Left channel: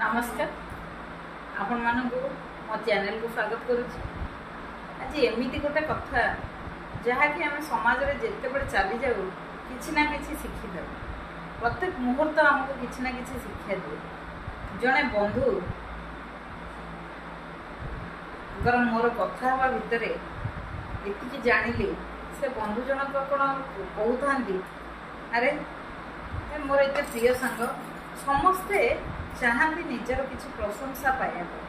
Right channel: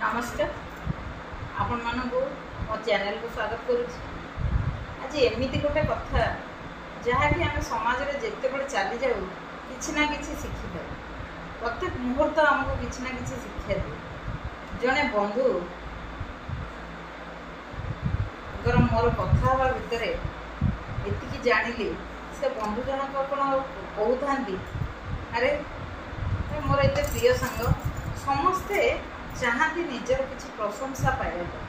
नमस्कार आपण मानू मो चैनल को स्वागत करुच्ची। आज एमती गोटे कथा जहाँकि आम समाज में जिते बड़े चली जाऊ कि ना कि शिखी दे प्रत्येक मुहूर्त आमको कि ना कि शिक्षा दिए। जड़े बंधु मोर कथा हवा भितर एति जानिली से बंधु जनक कौन कहते अरे मोर एत प्रिय सांग समस्ते चाहती निजर किसी प्रशंसा पाइबा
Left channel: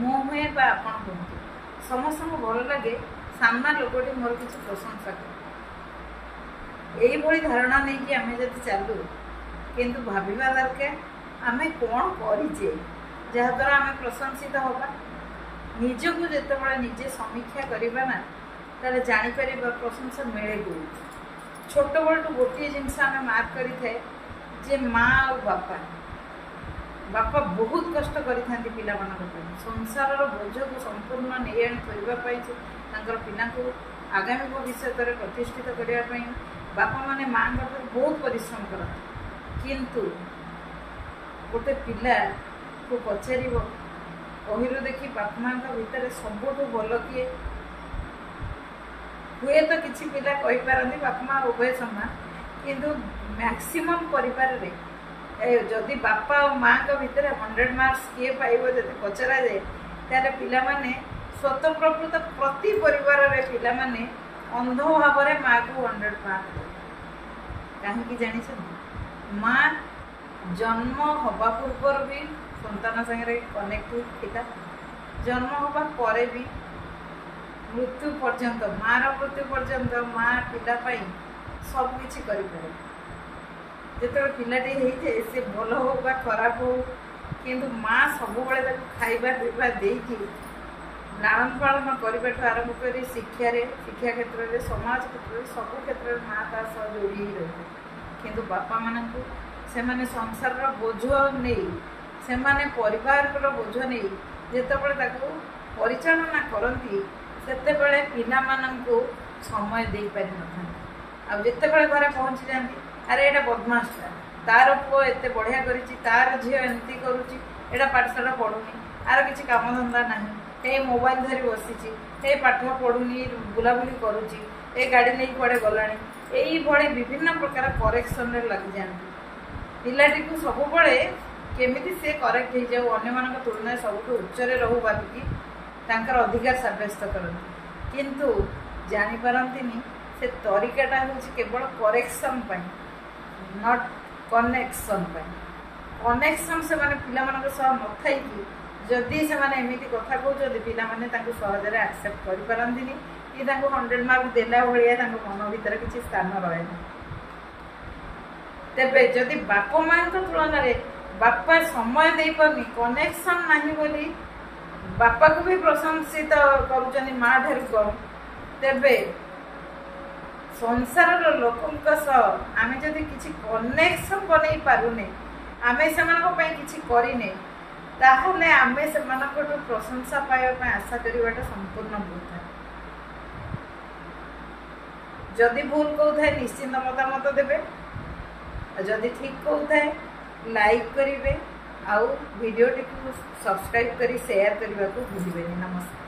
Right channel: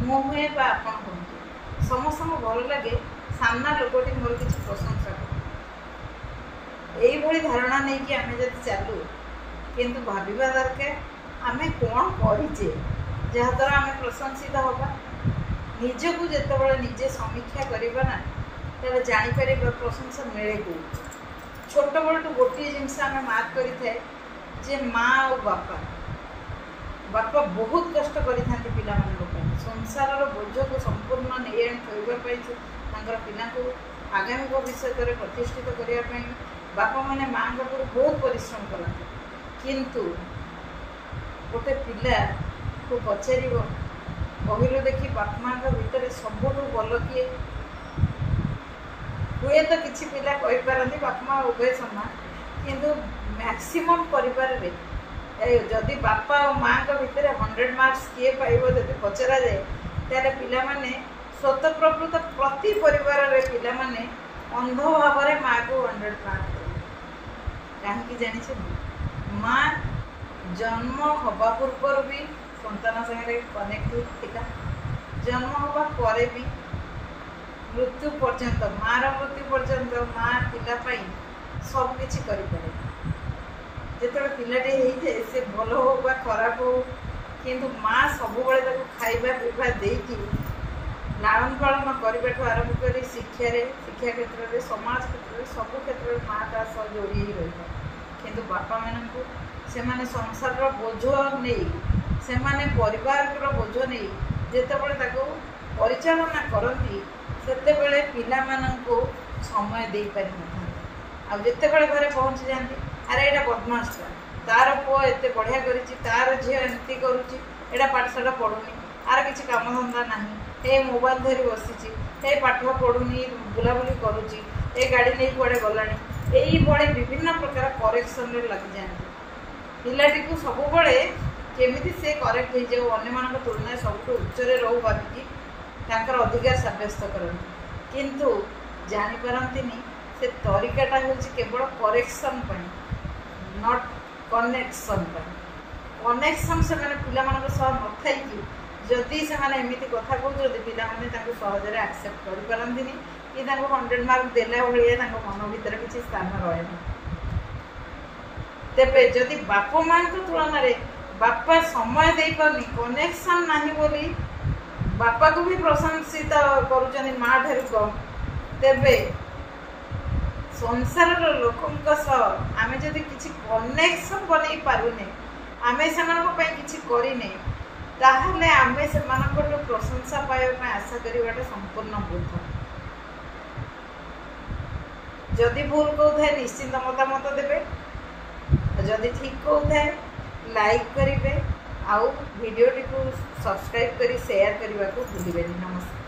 मो हुए आपन कहतु समस्त भल लगे सामना लोकटी मोर किसी प्रशंसा करे यही धारणा नहीं कि आम जब चलू किंतु भाविबा दरकार आम कौन करें जहाद्वारा आम प्रशंसित हवा निजक जिते निजे समीक्षा करवा ना ताले जापर प्रशंसा मिले कौन छोट बड़ू गोटे जिनस आम मार्क करें जे माँ और बापा बापा बहुत कष्ट करि पिला संसार बोझ को संपूर्ण नहीं आनी पिला को आगामी भविष्य में प्रतिष्ठित करने बापा माने माँ पर बहुत परिश्रम करते किंतु गोटे पिला को पचार बहिर देखी बापा माँ भितर सबुठ भल किए हुए तो किसी पिला कहींपारती बापा माँ उभय समान किंतु मैक्सिमम परिवार रे जदि बापा और माँ का भितर 100 मार्क्स किए पाइब जब पचरा जाए ताले पिला माने स्वतः प्रकृत प्रति परिवार रे पिला माने अंध भाव में माँ को 100 मार्क दे कहीं जानी माँ जन्म हवा पूर्व भी संतान संगे कनेक्ट थिला जन्म हवा परे भी मृत्यु पर्यंत माँ मृत्यु पर्यंत माँ पिला सब किसी करें जो पिलाटे होते से भल हो खराब हो किंतु माँ सब खाइबा पीवा देकी लालन पालन करने आरंभ कर शिक्षा क्षेत्र में समाज क्षेत्र में सब क्षेत्र में माँ ता सह जोड़ी ही रही है किंतु बापा मानू से माने संसार बोझ नहीं से माने परिवार बोझ नहीं जिते परिचालना करती से पिला मानू समय दे पारि न था जिते घरे पहुँची जाती अरे एटा बदमाशटा तार पुओ एत बढ़िया करी तार झील एमती करुच्ची एटा पाठशाला पढ़ुनी आर किसी काम धंदा ना हे मोबाइल धरी बसी हे पाठ पढ़ुनी बुलाबुली करुच्ची ए गाड़ी नहीं कड़े गला यही विभिन्न प्रकार करेक्शन लगी जाती पिलाटी को सब केमी से करेक्ट हो जाऊ अन्य तुलना सब उच्चरे रहू भाविकी अधिकार सब्यस्त करती किंतु जानीपारती से तरीकाटा हूँ केवल करेक्शन नॉट कनेक्शन कनेक्शन से माने पिला मान सह न थी जदि से एमती कथा कहते पिला सहजरे एक्सेप्ट करें कि 100 मार्क देला भाया मन भर किसी स्थान रहे तेरे जदि बाप माँ तुलन में बापा समय दे पारनी कनेक्शन नहीं बोली बापा को भी प्रशंसित करुँच माँ ठारू कम तेरे संसार लोकों आम जदि किसी कनेक्शन बन पारुने आम से करने ताहले आम से प्रशंसा पाइबा आशा करवाटा संपूर्ण वृथा जदि भूल कहता है निश्चिंत मतामत देवे जदि ठीक कहता है लाइक करेंगे आउ वीडियो टी को सब्सक्राइब करी शेयर करने को भूलिए। नमस्कार।